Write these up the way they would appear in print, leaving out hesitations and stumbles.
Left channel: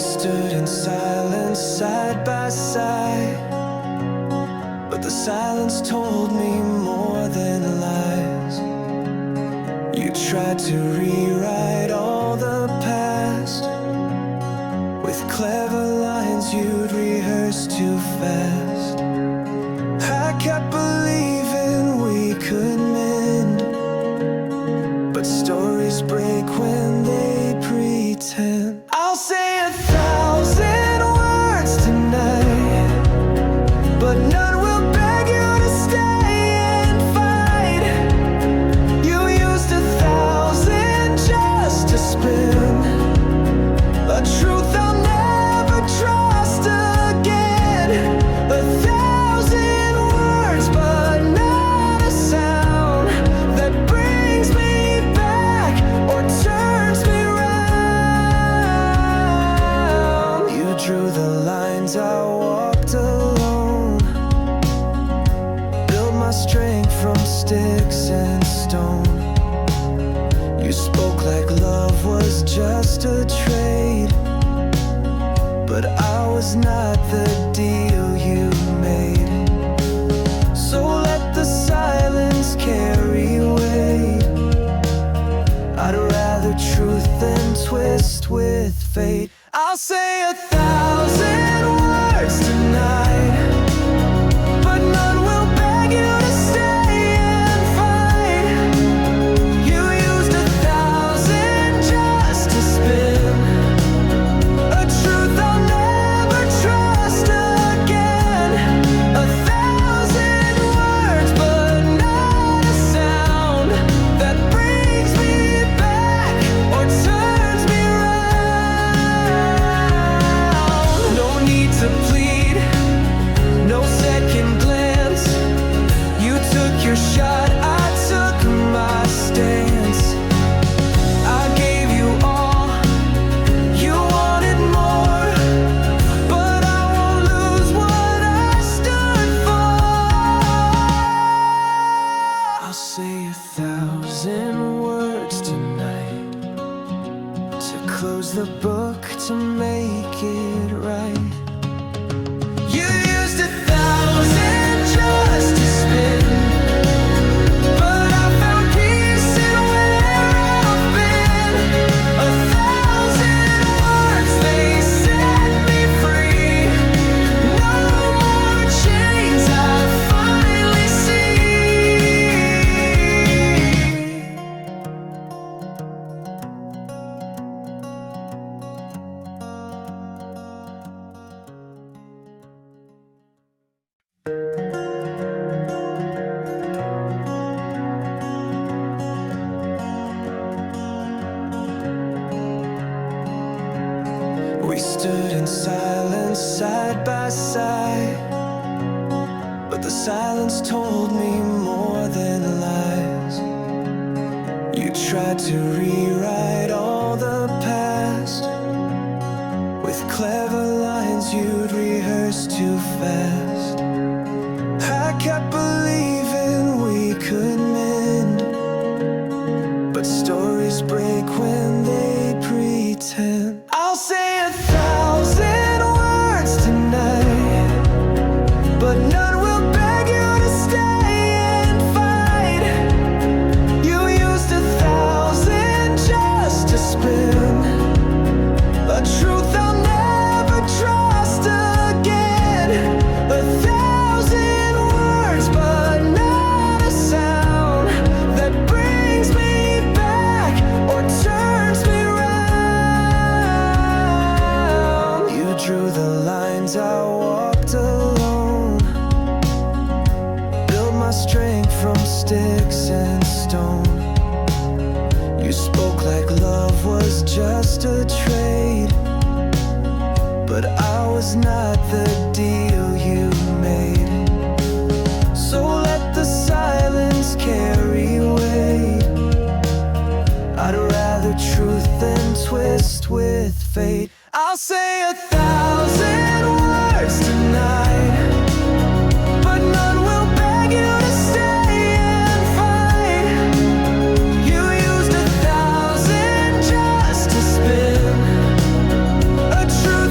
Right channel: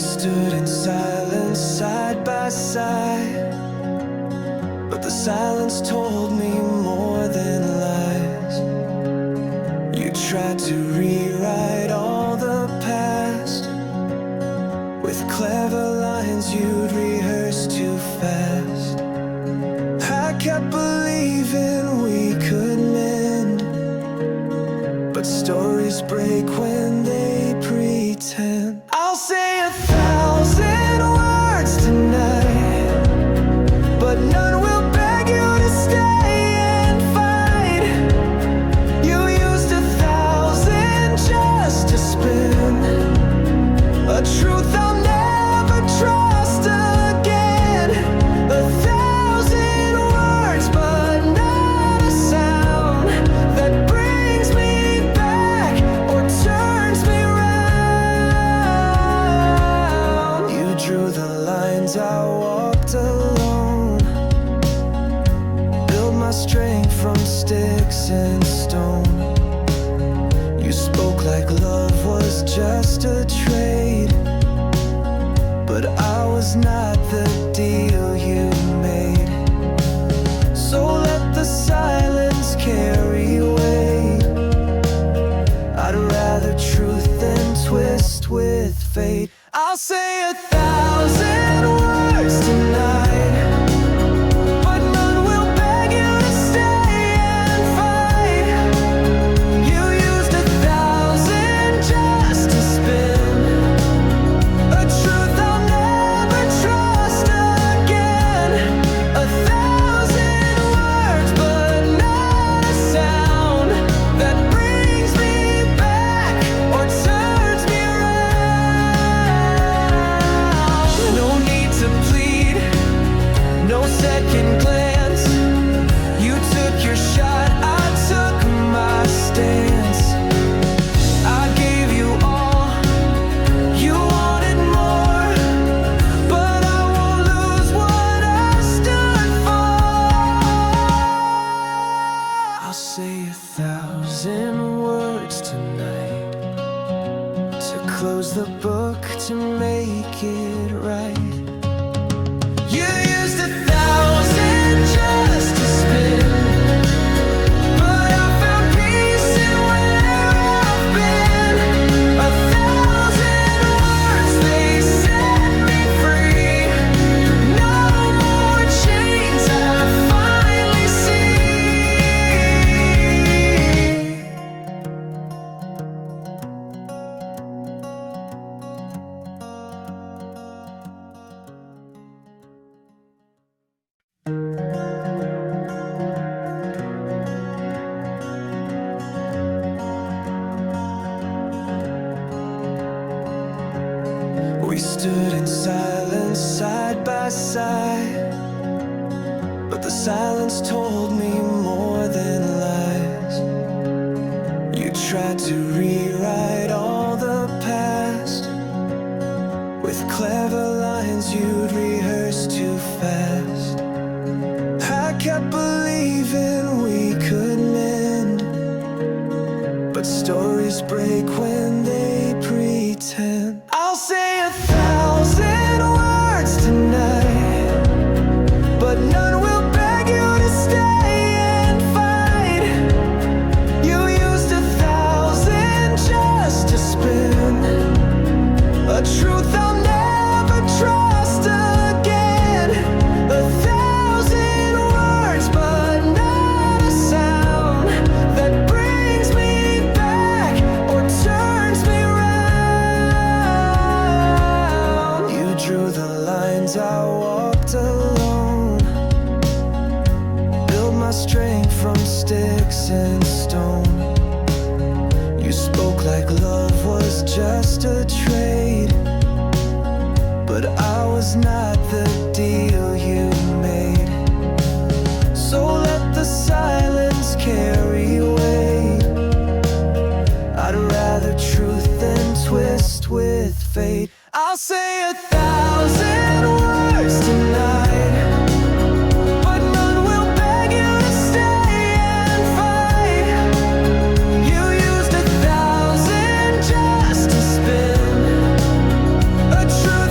stood in silence side by side, but the silence told me more than lies. You tried to rewrite all the past with clever lines you'd rehearse too fast. I kept believing we could mend, but stories break when they pretend. I'll say 1,000 words tonight, but none will beg you to stay and fight. You used 1,000 just to spin a truth I'll never trust again. 1,000 words, but not a sound that brings me back or turns me round. You drew the lines, I walked alone, built my strength from sticks and stone. You spoke like love was just a trade, but I was not the deal you made. So let the silence carry weight. I'd rather truth than twist with fate. I'll say 1,000 words tonight, but none will beg you to stay and fight. You used 1,000 just to spin a truth I'll never trust again. 1,000 words, but not a sound that brings me back or turns me around. No need to plead, no second glance. You took your shot, I took my stance. I gave you all, you wanted more, but I won't lose what I stood for. I'll say 1,000 words tonight to close the book, to make it right. You used 1,000 just to spin, but I found peace in where I've been. 1,000 words, they set me free. No more chains, I finally see. We stood in silence side by side, but the silence told me more than lies. You tried to rewrite all the past with clever lines you'd rehearse too fast. I kept believing we could mend, but stories break when they pretend. I'll say 1,000 words tonight, but none will beg you to stay and fight. You used 1,000 just to spin a truth I'll never trust again. 1,000 words, but not a sound that brings me back or turns me round. You drew the lines, I walked alone, built my strength from sticks and stone. You spoke like love was just a trade, but I was not the deal you made. So let the silence carry weight. I'd rather truth than twist with fate. I'll say 1,000 words tonight, but none will beg you to stay and fight. You used 1,000 just to spin a truth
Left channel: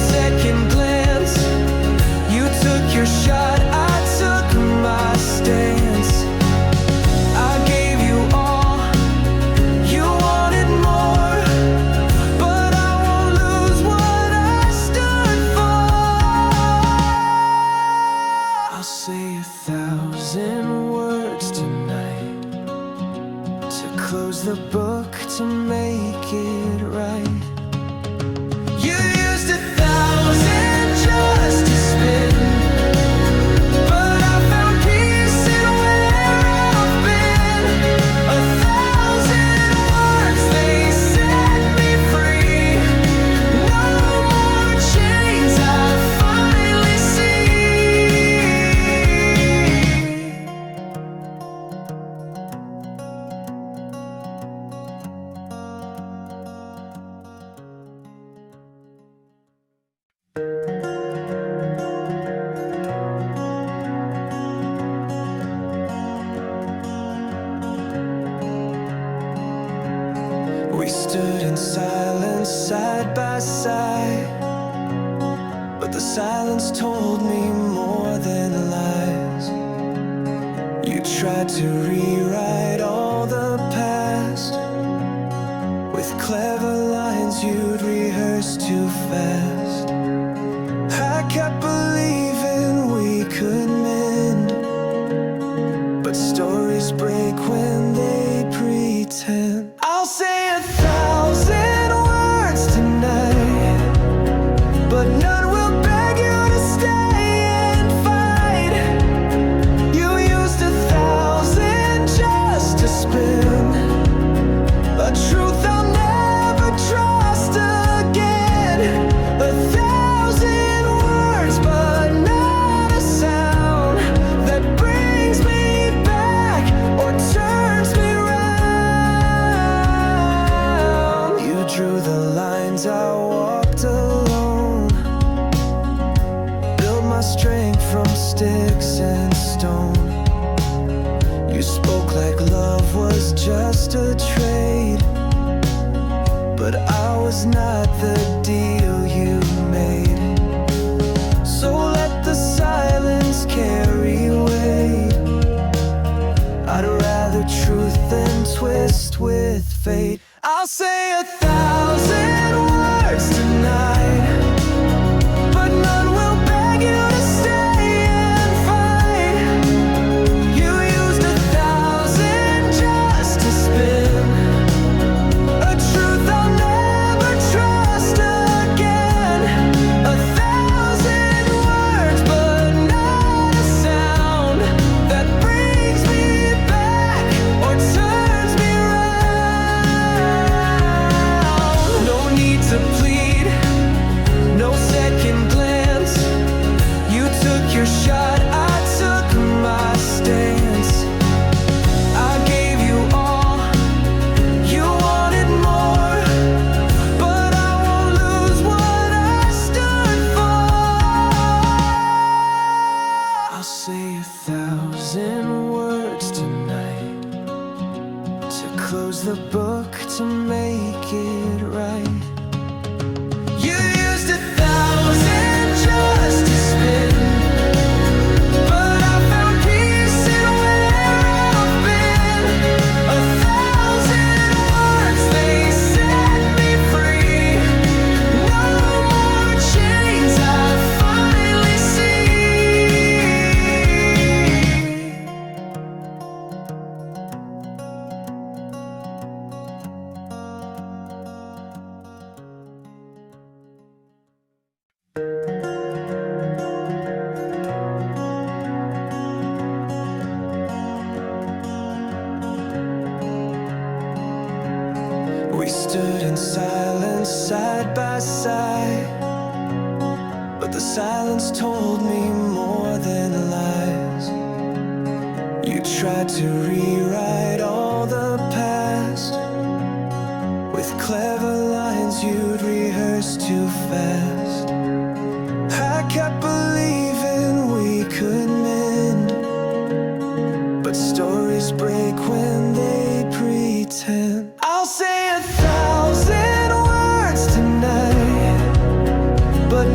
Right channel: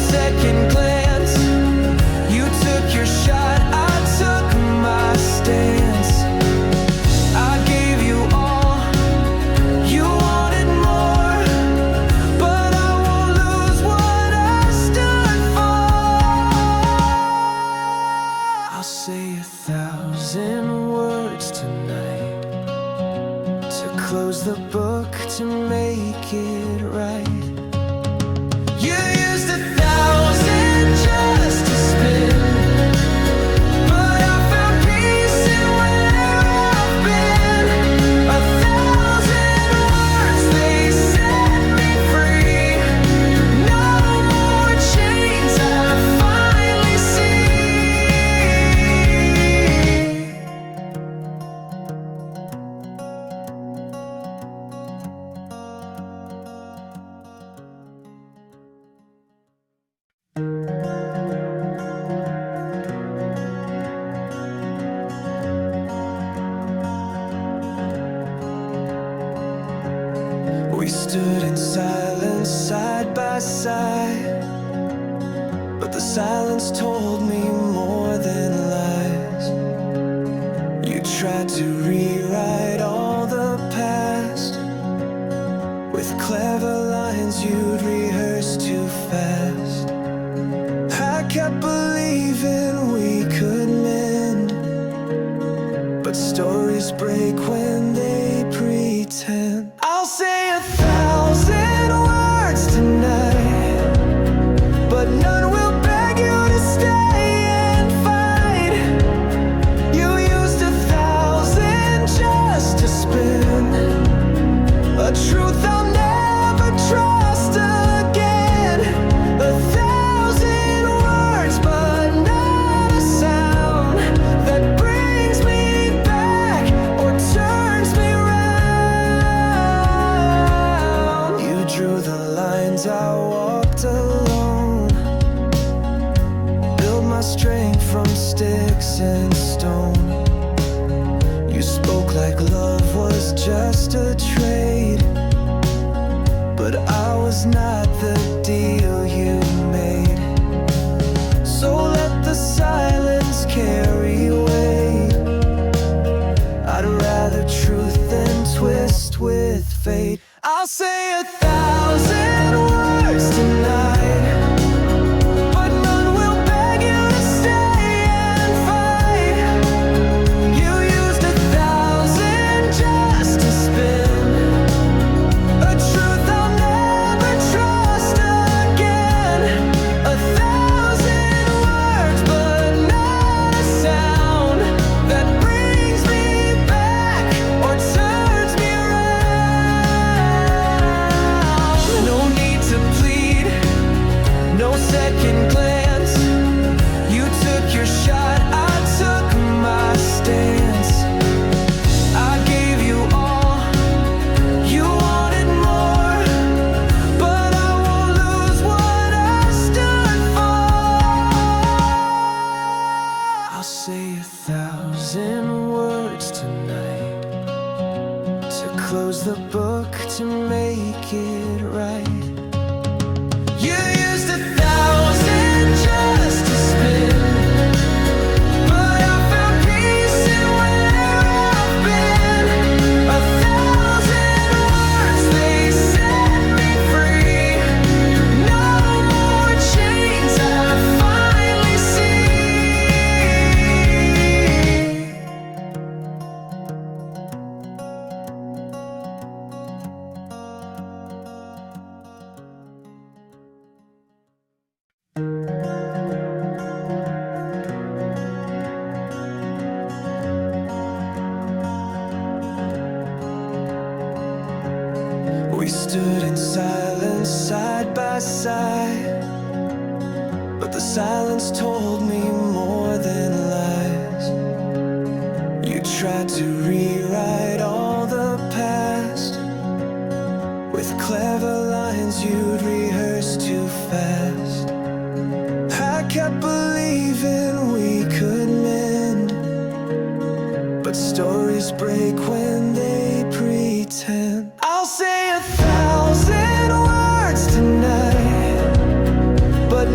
second glance. You took your shot, I took my stance. I gave you all, you wanted more, but I won't lose what I stood for. I'll say 1,000 words tonight to close the book, to make it right. You used 1,000 just to spin, but I found peace in where I've been. 1,000 words, they set me free. No more chains, I finally see. We stood in silence side by side, but the silence told me more than lies. You tried to rewrite all the past with clever lines you'd rehearse too fast. I kept believing we could mend, but stories break when they pretend. I'll say 1,000 words tonight, but none will beg you to stay and fight. You used 1,000 just to spin a truth I'll never trust again. 1,000 words, but not a sound that brings me back or turns me round. You drew the lines, I walked alone, built my strength from sticks and stone. You spoke like love was just a trade, but I was not the deal you made. So let the silence carry weight. I'd rather truth than twist with fate. I'll say 1,000 words tonight, but none will beg you to stay and fight. You used 1,000 just to spin a truth I'll never trust again. 1,000 words, but not a sound that brings me back or turns me around. No need to plead, no second glance. You took your shot, I took my stance. I gave you all, you wanted more, but I won't lose what I stood for. I'll say 1,000 words tonight to close the book, to make it right. You used 1,000 just to spin, but I found peace in where I've been. 1,000 words, they set me free. No more chains, I finally see. We stood in silence side by side, but the silence told me more than lies. You tried to rewrite all the past with clever lines you'd rehearse too fast. I kept believing we could mend, but stories break when they pretend. I'll say 1,000 words tonight, but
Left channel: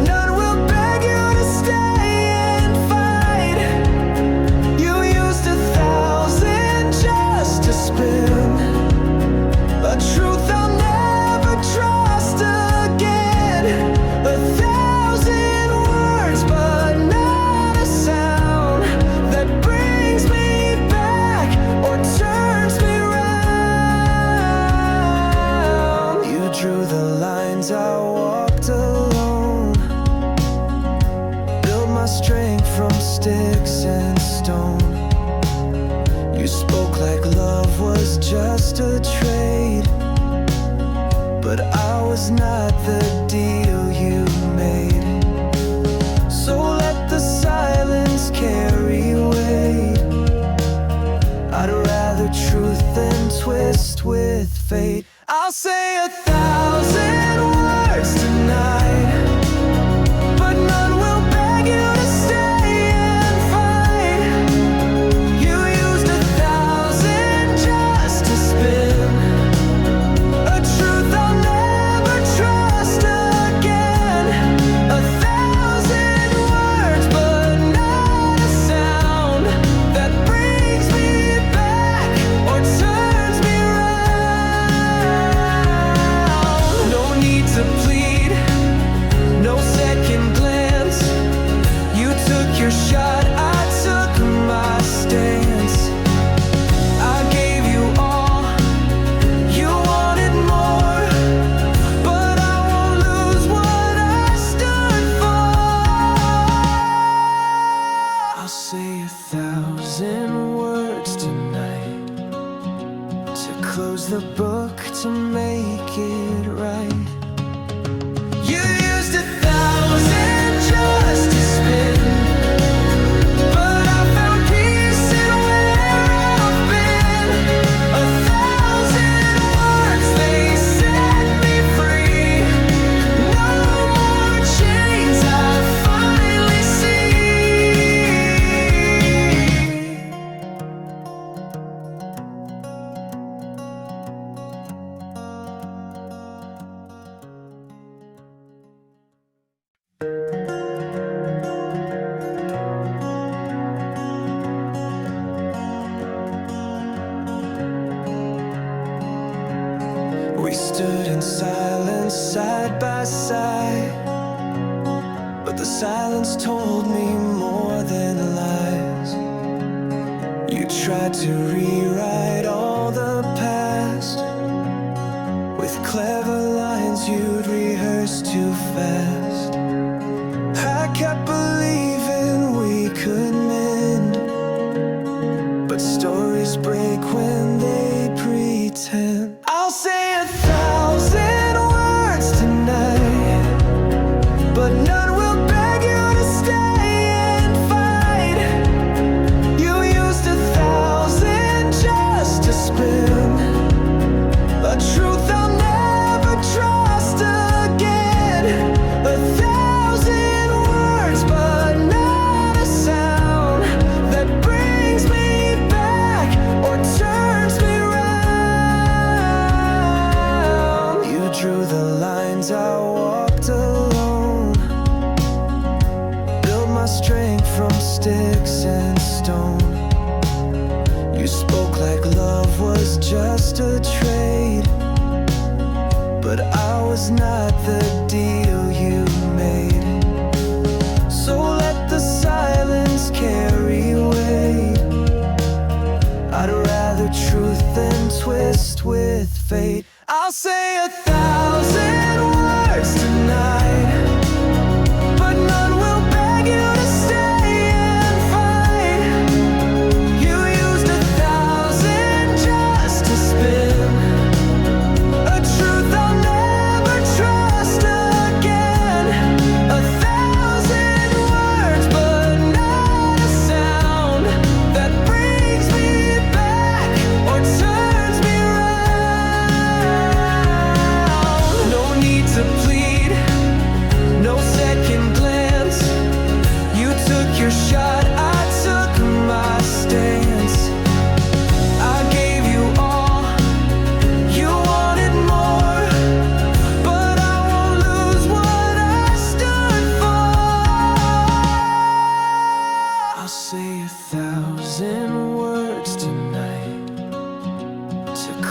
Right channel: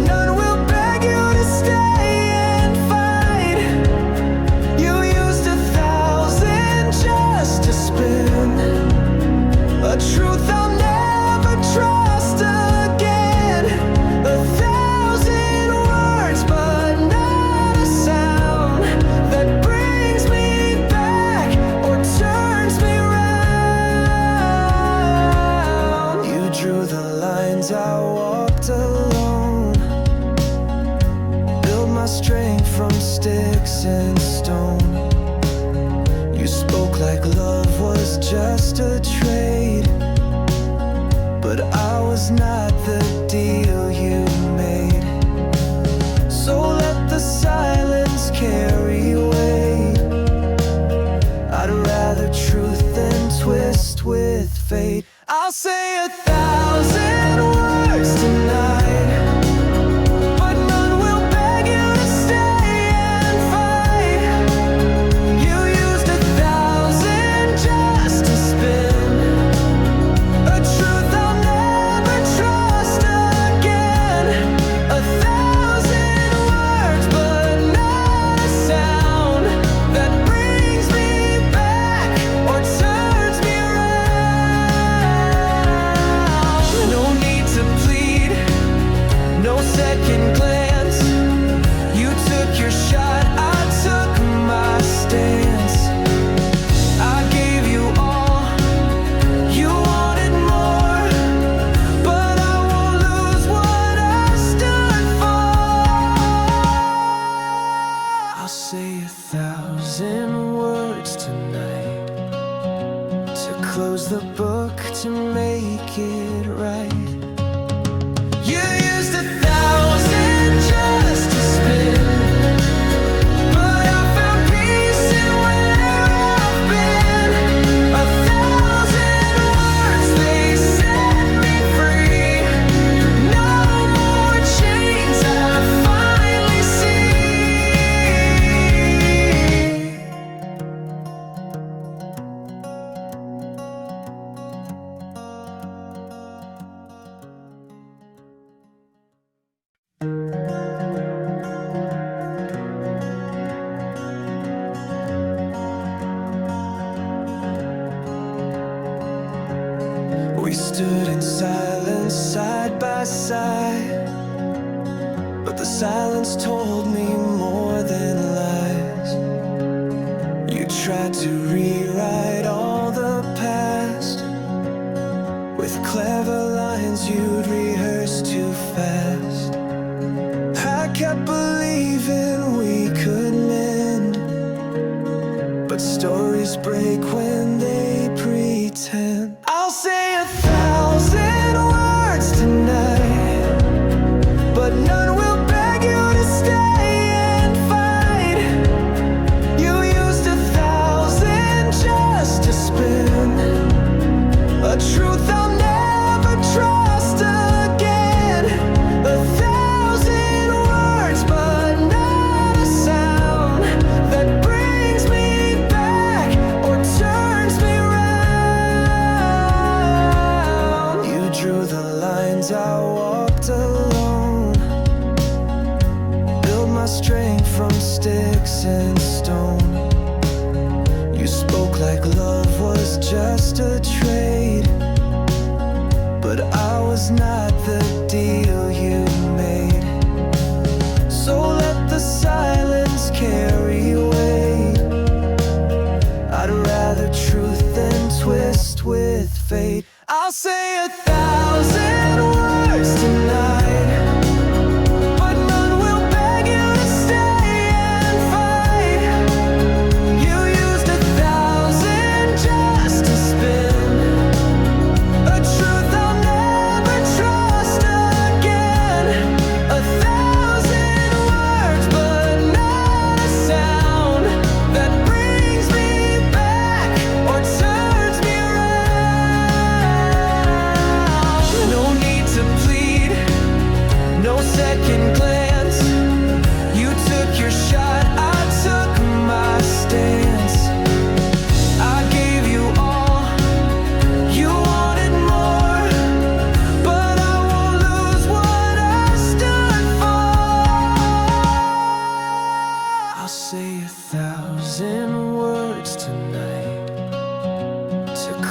none will beg you to stay and fight. You used 1,000 just to spin a truth I'll never trust again. 1,000 words, but not a sound that brings me back or turns me round. You drew the lines, I walked alone, built my strength from sticks and stone. You spoke like love was just a trade, but I was not the deal you made. So let the silence carry weight. I'd rather truth than twist with fate. I'll say 1,000 words tonight, but none will beg you to stay and fight. You used 1,000 just to spin a truth I'll never trust again. 1,000 words, but not a sound that brings me back or turns me around. No need to plead, no second glance. You took your shot, I took my stance. I gave you all, you wanted more, but I won't lose what I stood for. I'll say 1,000 words tonight to close the book, to make it right. You used 1,000 just to spin, but I found peace in where I've been. 1,000 words, they set me free. No more chains, I finally see. We stood in silence side by side, but the silence told me more than lies. You tried to rewrite all the past with clever lines you'd rehearse too fast. I kept believing we could mend, but stories break when they pretend. I'll say 1,000 words tonight, but none will beg you to stay and fight. You used 1,000 just to spin a truth I'll never trust again. 1,000 words, but not a sound that brings me back or turns me round. You drew the lines, I walked alone, built my strength from sticks and stone. You spoke like love was just a trade, but I was not the deal you made. So let the silence carry weight. I'd rather truth than twist with fate. I'll say 1,000 words tonight, but none will beg you to stay and fight. You used 1,000 just to spin a truth I'll never trust again. 1,000 words, but not a sound that brings me back or turns me around. No need to plead, no second glance. You took your shot, I took my stance. I gave you all, you wanted more, but I won't lose what I stood for.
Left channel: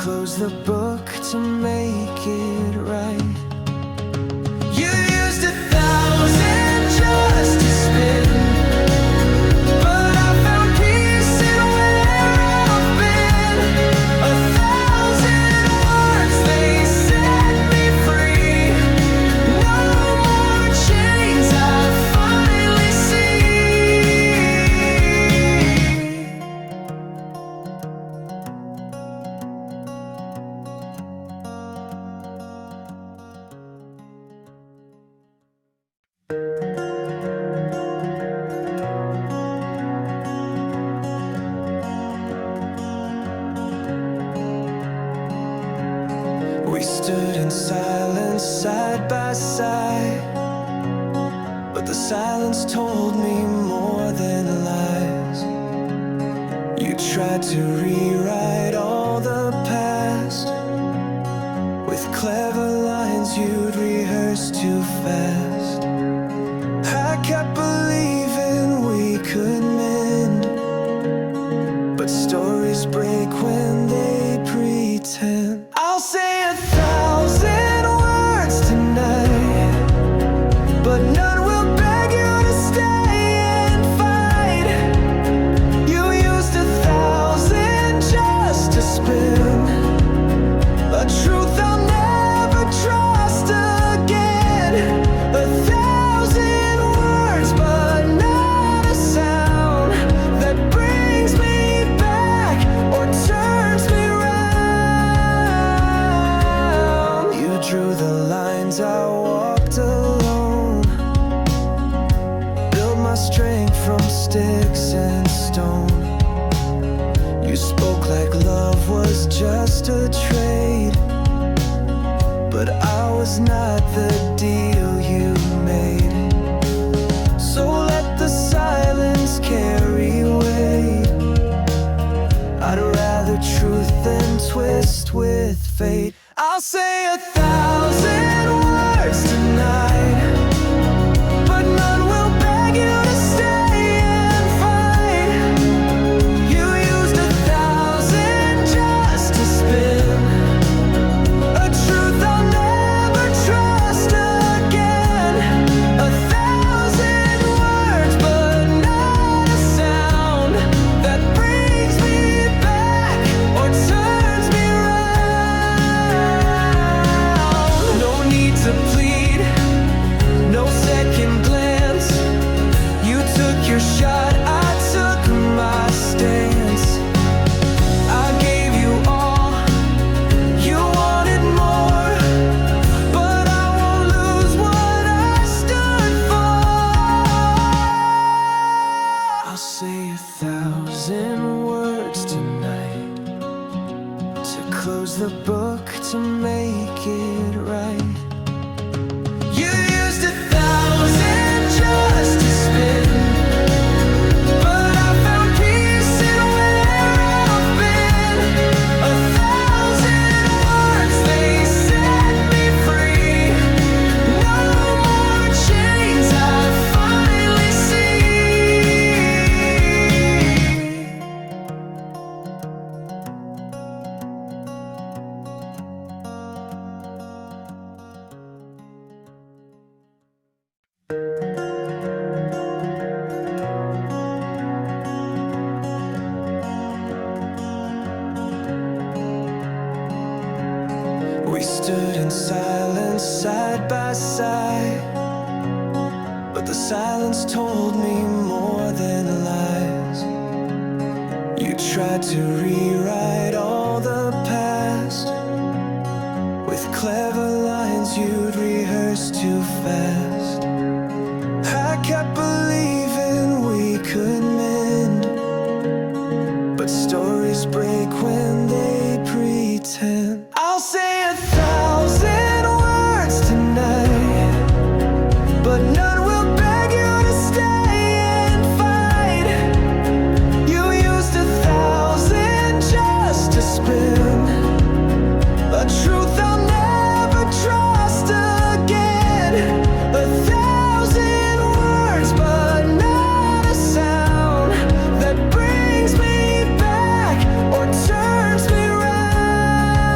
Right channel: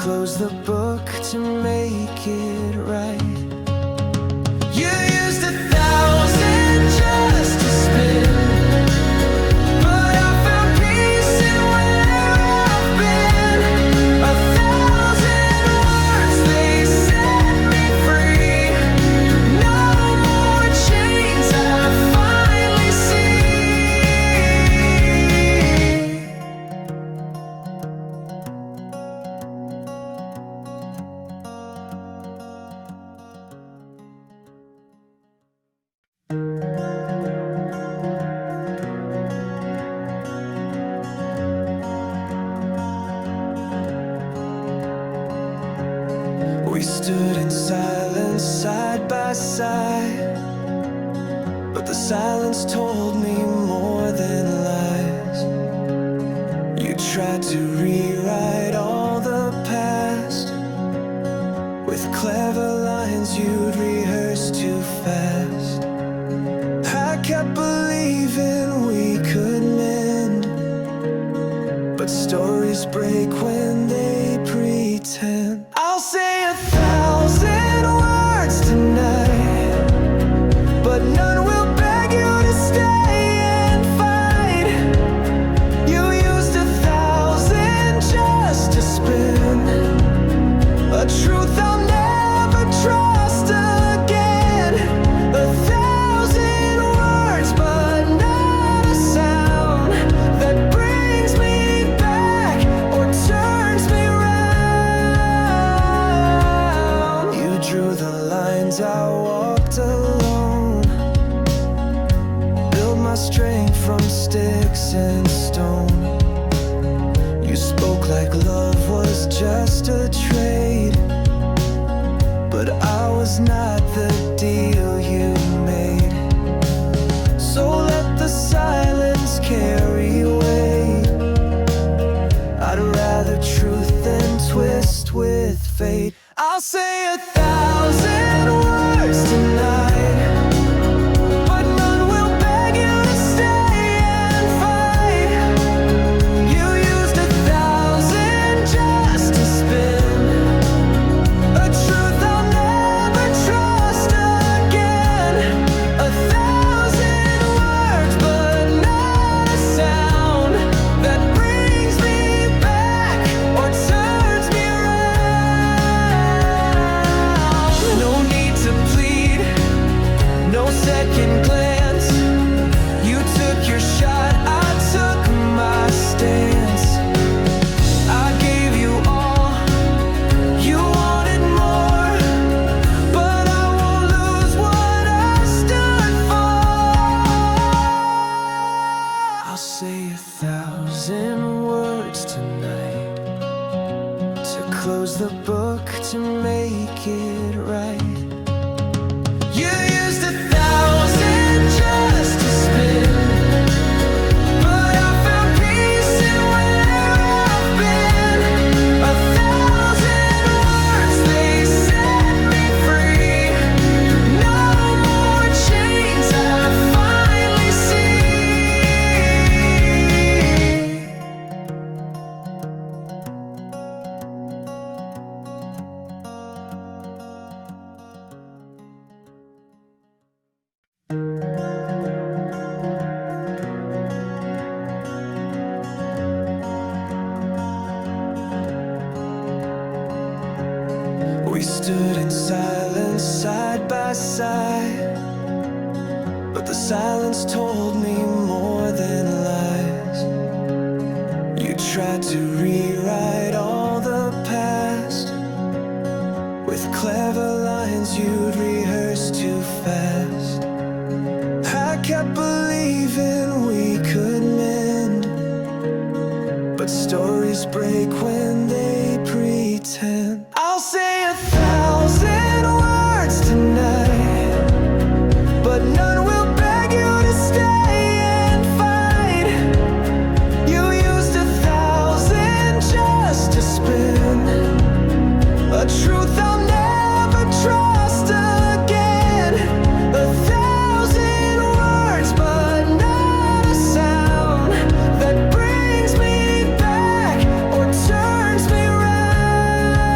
close the book to make it right. You used 1,000 just to spin, but I found peace in where I've been. 1,000 words, they set me free. No more chains, I finally see. We stood in silence side by side, but the silence told me more than lies. You tried to rewrite all the past with clever lines you'd rehearse too fast. I kept believing we could mend, but stories break when they pretend. I'll say 1,000 words tonight, but none will beg you to stay and fight. You used 1,000 just to spin a truth I'll never trust again. 1,000 words, but not a sound that brings me back or turns me round. You drew the lines, I walked alone, built my strength from sticks and stone. You spoke like love was just a trade, but I was not the deal you made. So let the silence carry weight. I'd rather truth than twist with fate. I'll say 1,000 words tonight, but none will beg you to stay and fight. You used 1,000 just to spin a truth I'll never trust again. 1,000 words, but not a sound that brings me back or turns me around. No need to plead, no second glance. You took your shot, I took my stance. I gave you all, you wanted more, but I won't lose what I stood for. I'll say 1,000 words tonight to close the book to make it right. You used 1,000 just to spin, but I found peace in where I've been. 1,000 words, they set me free. No more chains, I finally see. We stood in silence side by side, but the silence told me more than lies. You tried to rewrite all the past with clever lines you'd rehearse too fast. I kept believing we could mend, but stories break when they pretend. I'll say 1,000 words tonight, but none will beg you to stay and fight. You used 1,000 just to spin a truth I'll never trust again. 1,000 words, but not a sound that brings me back or turns me round.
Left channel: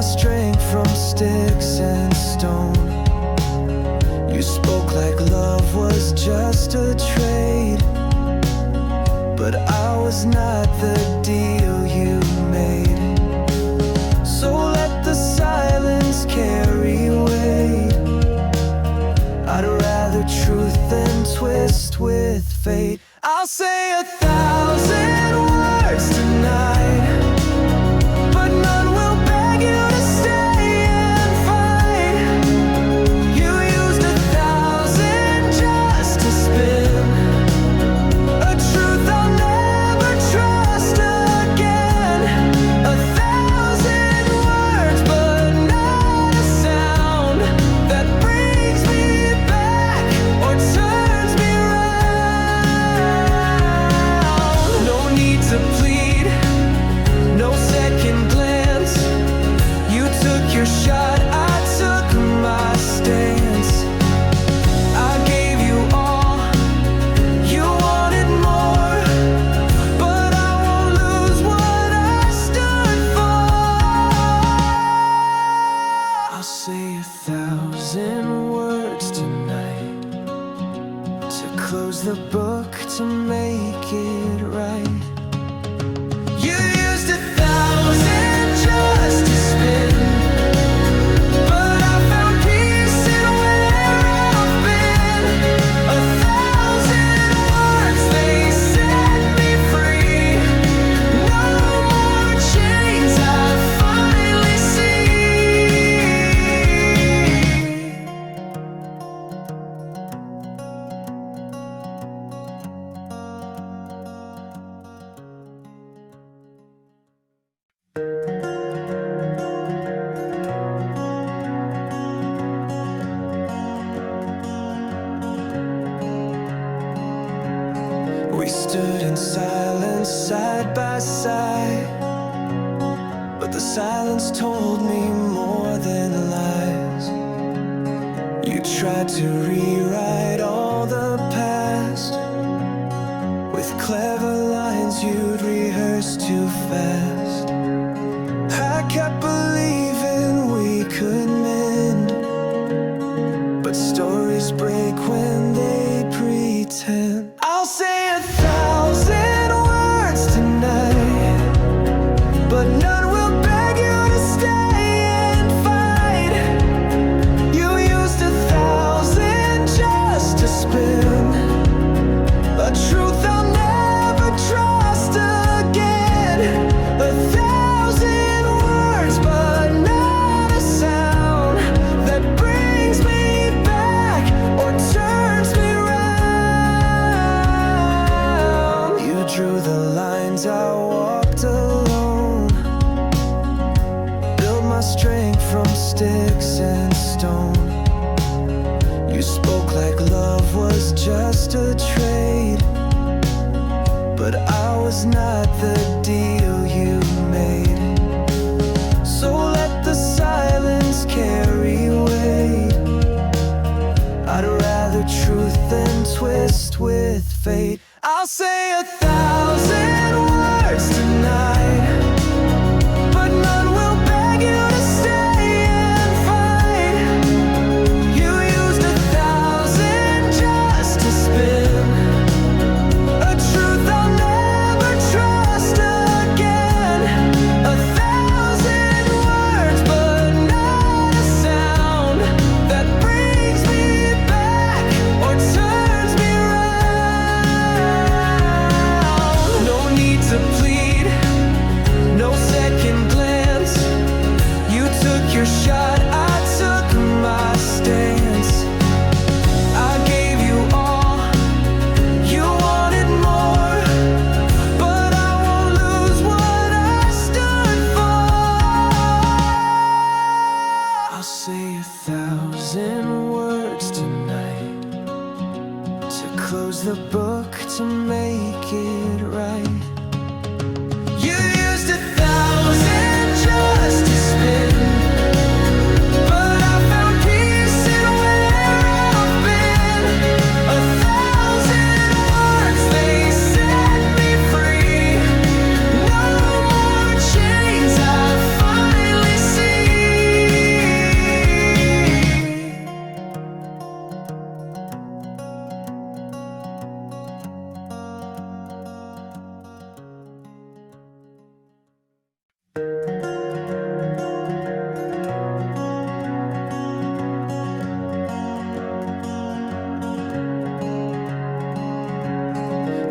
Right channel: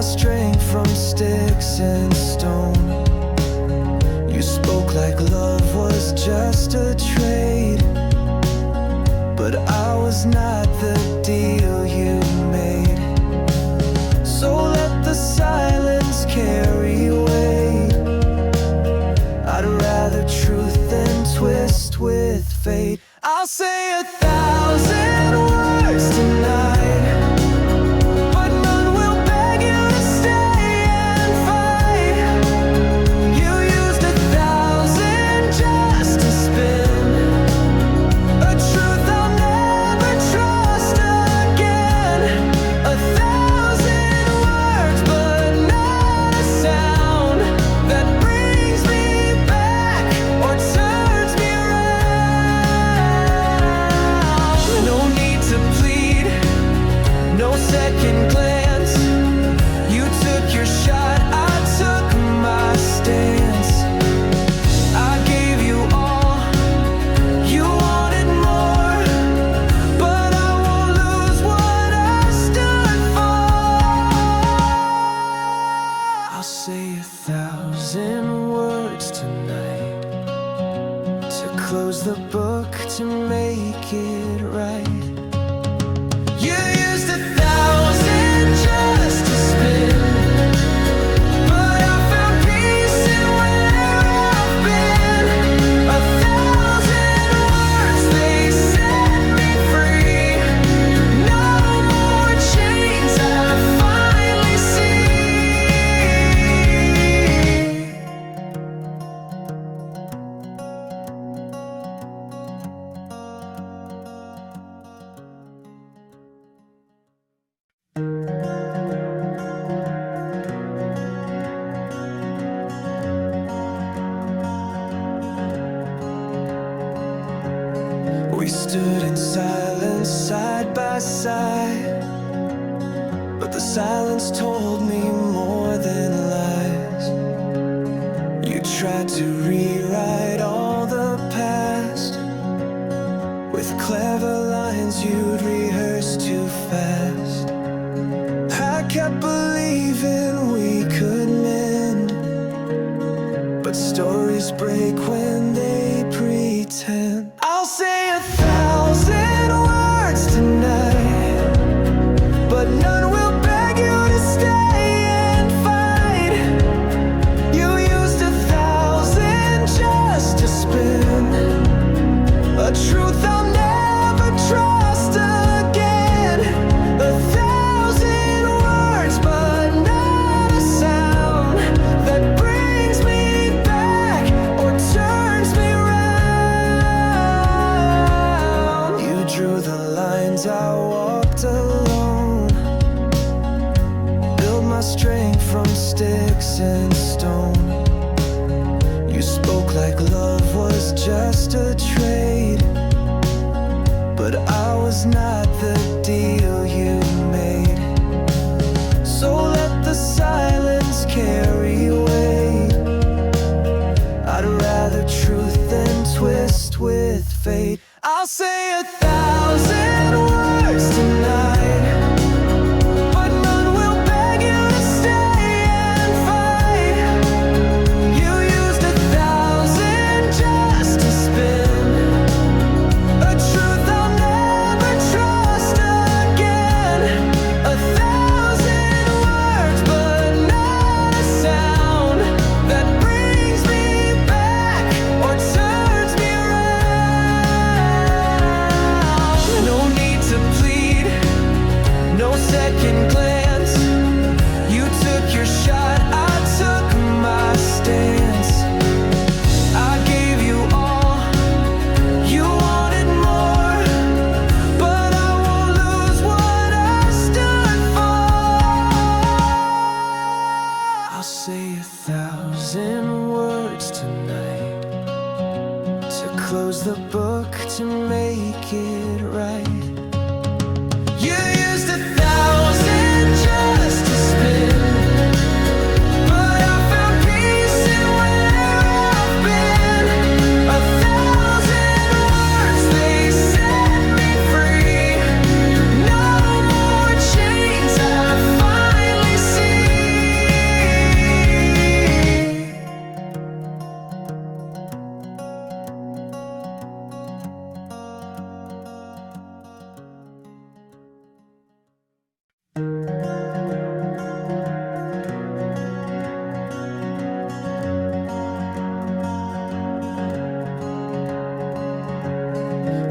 my strength from sticks and stone. You spoke like love was just a trade, but I was not the deal you made. So let the silence carry weight. I'd rather truth than twist with fate. I'll say 1,000 words tonight, but none will beg you to stay and fight. You used 1,000 just to spin a truth I'll never trust again. 1,000 words, but not a sound that brings me back or turns me around. No need to plead, no second glance. You took your shot, I took my stance. I gave you all, you wanted more, but I won't lose what I stood for. I'll say 1,000 words tonight to close the book, to make it right. You used 1,000 just to spin, but I found peace in where I've been. 1,000 words, they set me free. No more chains, I finally see. We stood in silence side by side, but the silence told me more than lies. You tried to rewrite all the past with clever lines you'd rehearse too fast. I kept believing we could mend, but stories break when they pretend. I'll say 1,000 words tonight, but none will beg you to stay and fight. You used 1,000 just to spin a truth I'll never trust again. 1,000 words, but not a sound that brings me back or turns me around. You drew the lines, I walked alone, built my strength from sticks and stone. You spoke like love was just a trade, but I was not the deal you made. So let the silence carry weight. I'd rather truth than twist with fate. I'll say 1,000 words tonight, but none will beg you to stay and fight. You used 1,000 just to spin a truth I'll never trust again. 1,000 words, but not a sound that brings me back or turns me around. No need to plead, no second glance. You took your shot, I took my stance. I gave you all, you wanted more, but I won't lose what I stood for. I'll say 1,000 words tonight to close the book, to make it right. You used 1,000 just to spin, but I found peace in where I've been. 1,000 words, they set me free. No more chains, I finally see.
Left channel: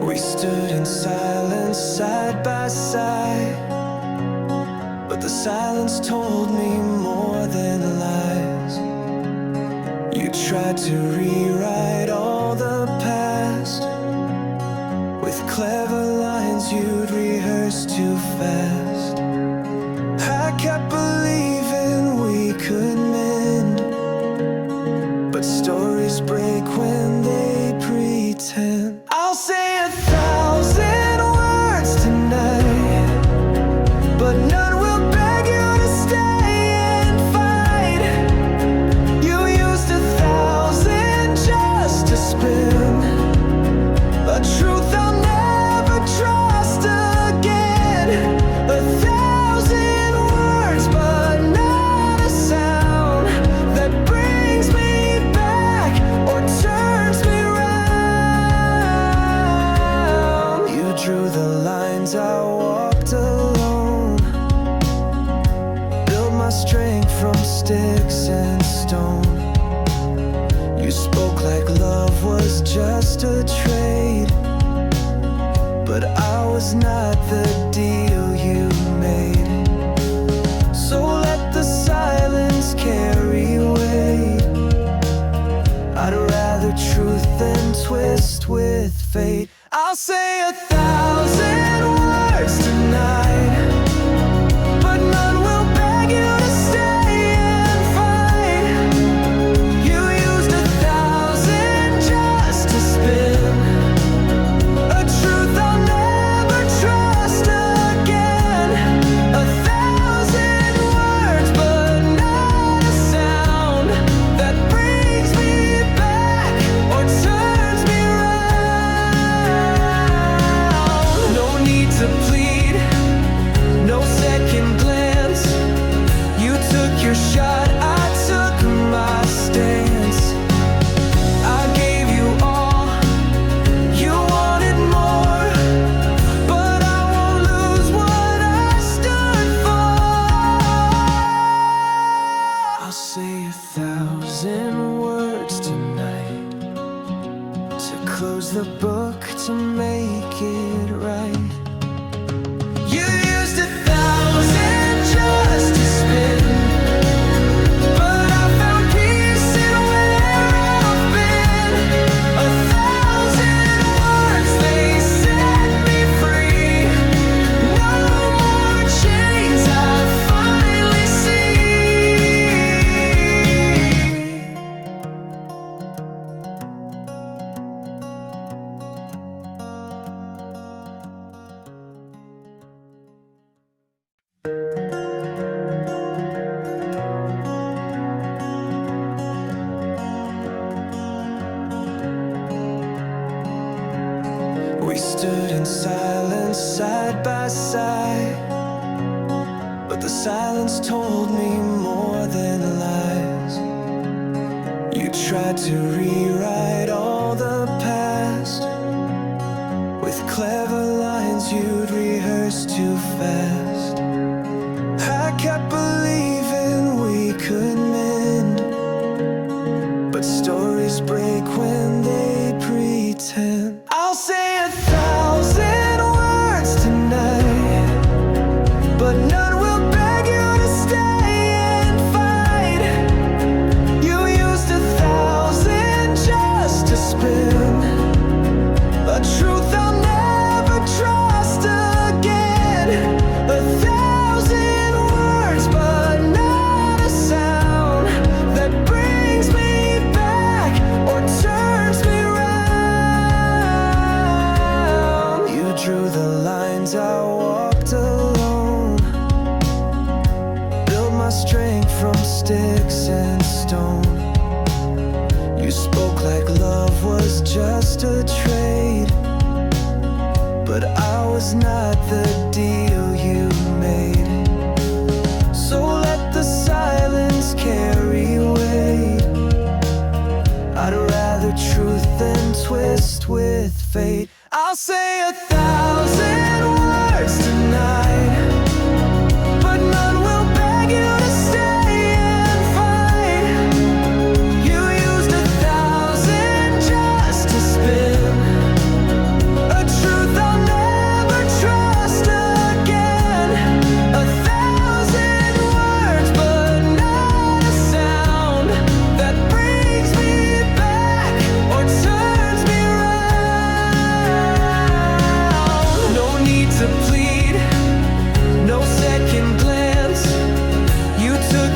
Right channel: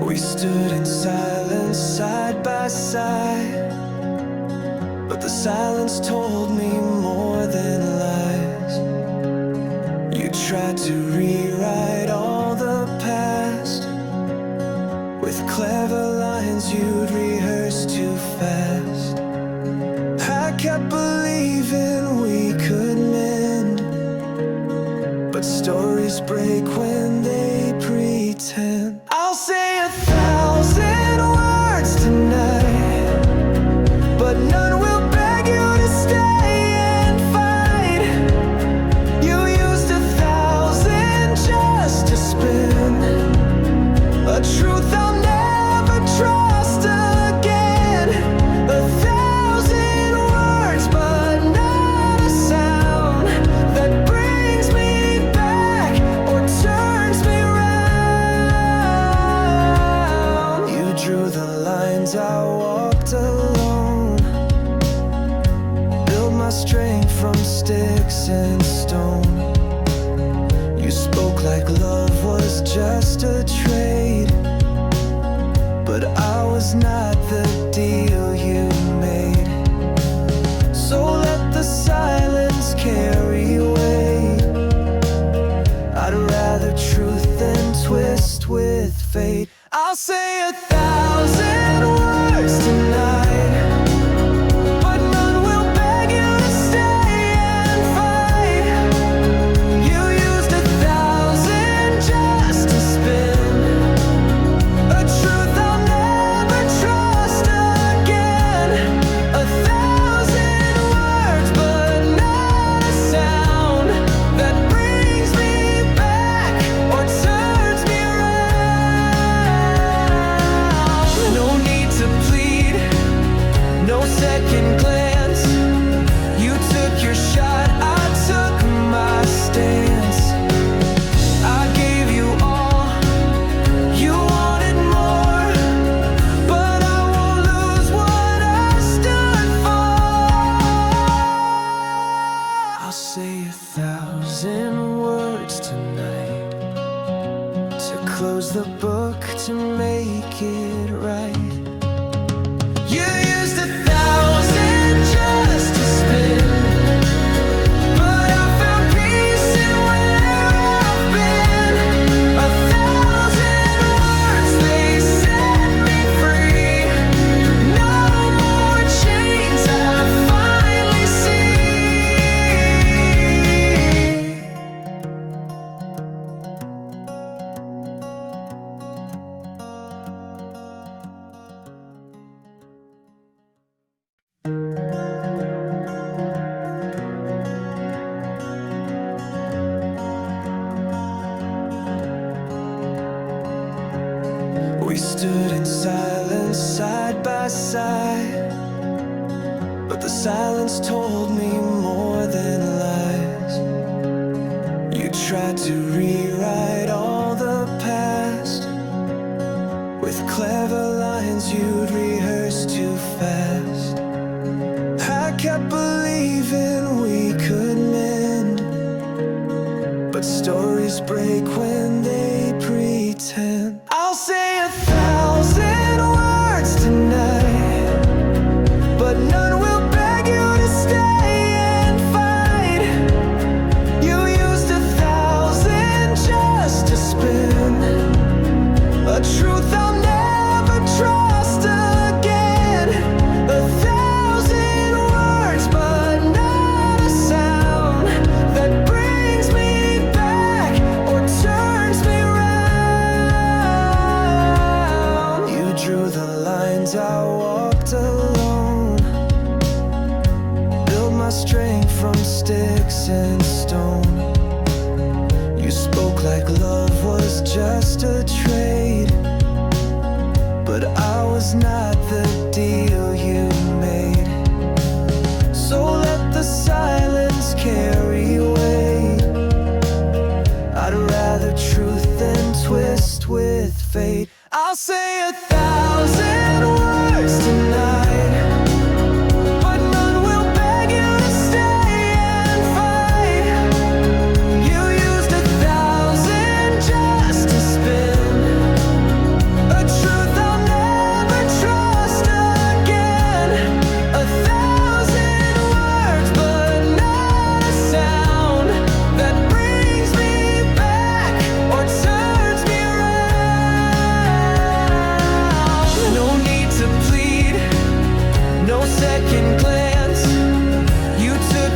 We stood in silence side by side, but the silence told me more than lies. You tried to rewrite all the past with clever lines you'd rehearse too fast. I kept believing we could mend, but stories break when they pretend. I'll say 1,000 words tonight, but none will beg you to stay and fight. You used 1,000 just to spin a truth I'll never trust again. 1,000 words, but not a sound that brings me back or turns me round. You drew the lines, I walked alone, built my strength from sticks and stone. You spoke like love was just a trade, but I was not the deal you made. So let the silence carry weight. I'd rather truth than twist with fate. I'll say 1,000 words tonight, but none will beg you to stay and fight. You used 1,000 just to spin a truth I'll never trust again. 1,000 words, but not a sound that brings me back or turns me around. No need to plead, no second glance. You took your shot, I took my stance. I gave you all, you wanted more, but I won't lose what I stood for. I'll say 1,000 words tonight to close the book, to make it right. You used 1,000 just to spin, but I found peace in where I've been. 1,000 words, they set me free. No more chains, I finally see. We stood in silence side by side, but the silence told me more than lies. You tried to rewrite all the past with clever lines you'd rehearse too fast. I kept believing we could mend, but stories break when they pretend. I'll say 1,000 words tonight, but none will beg you to stay and fight. You used 1,000 just to spin a truth I'll never trust again. 1,000 words, but not a sound that brings me back or turns me round. You drew the lines, I walked alone, built my strength from sticks and stone. You spoke like love was just a trade, but I was not the deal you made. So let the silence carry weight. I'd rather truth than twist with fate. I'll say 1,000 words tonight, but none will beg you to stay and fight. You used 1,000 just to spin a truth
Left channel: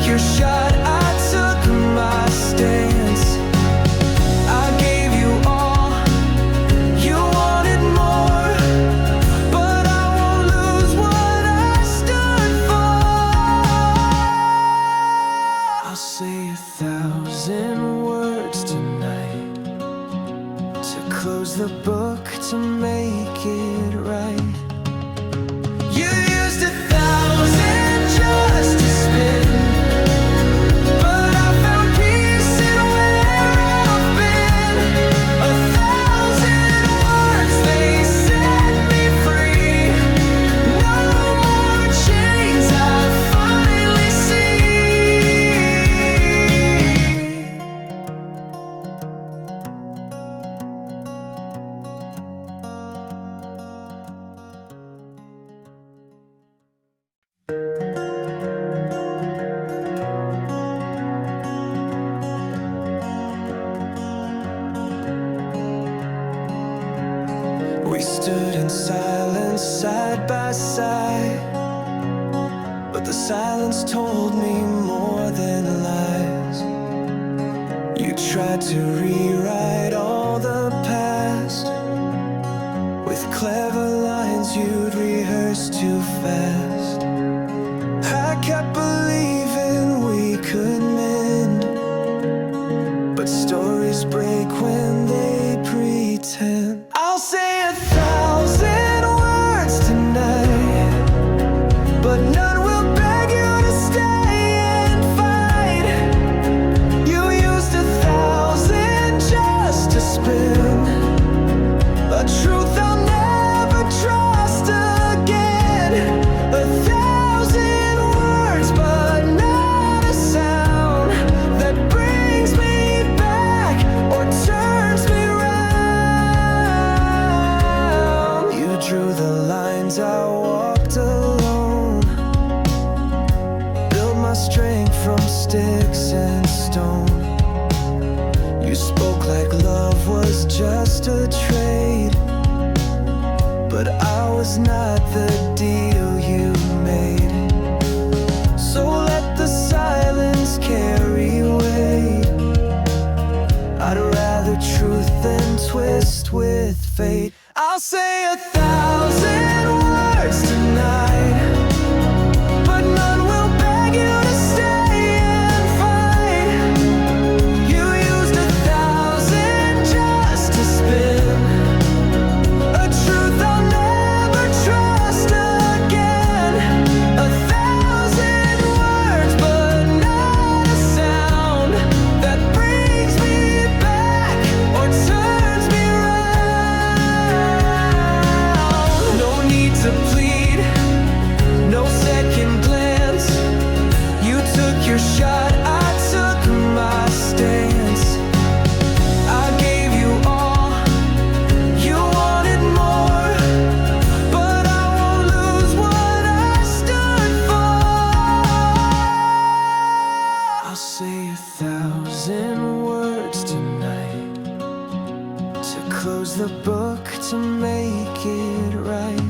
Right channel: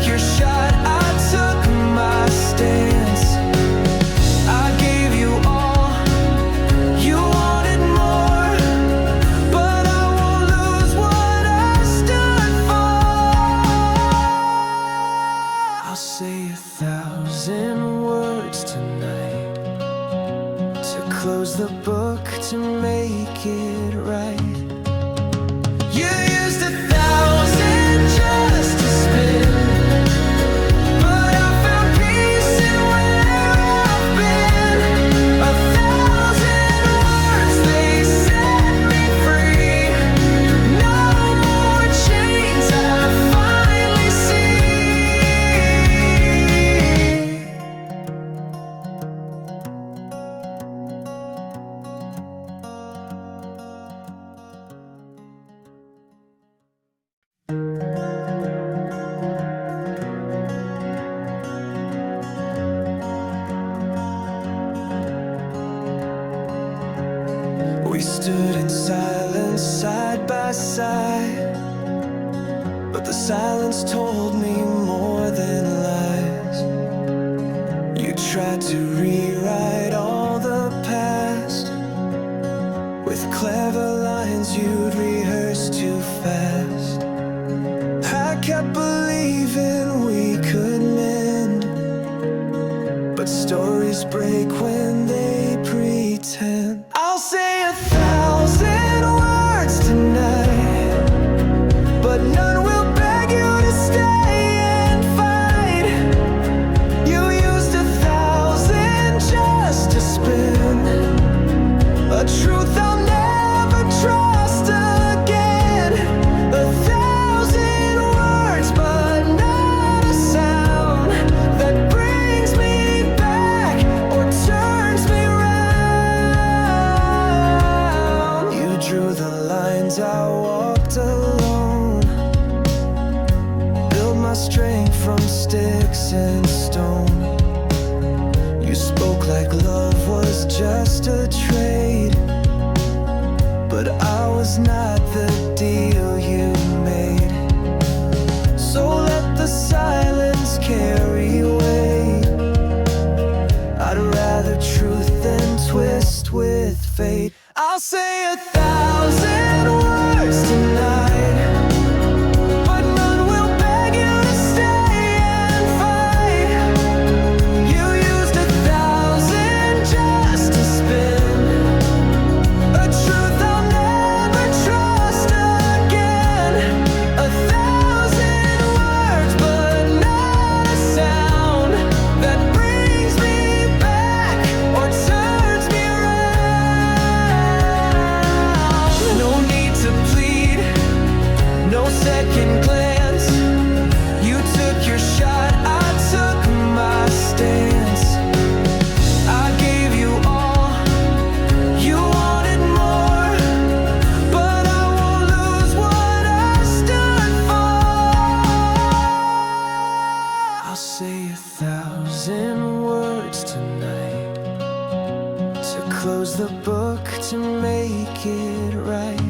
took your shot, I took my stance. I gave you all, you wanted more, but I won't lose what I stood for. I'll say 1,000 words tonight to close the book, to make it right. You used 1,000 just to spin, but I found peace in where I've been. 1,000 words, they set me free. No more chains, I finally see. We stood in silence side by side, but the silence told me more than lies. You tried to rewrite all the past with clever lines you'd rehearse too fast. I kept believing we could mend, but stories break when they pretend. I'll say 1,000 words tonight, but none will beg you to stay and fight. You used 1,000 just to spin a truth I'll never trust again. 1,000 words, but not a sound that brings me back or turns me round. You drew the lines, I walked alone, built my strength from sticks and stone. You spoke like love was just a trade, but I was not the deal you made. So let the silence carry weight. I'd rather truth than twist with fate. I'll say 1,000 words tonight, but none will beg you to stay and fight. You used 1,000 just to spin a truth I'll never trust again. 1,000 words, but not a sound that brings me back or turns me around. No need to plead, no second glance. You took your shot, I took my stance. I gave you all, you wanted more, but I won't lose what I stood for. I'll say 1,000 words tonight to close the book, to make it right.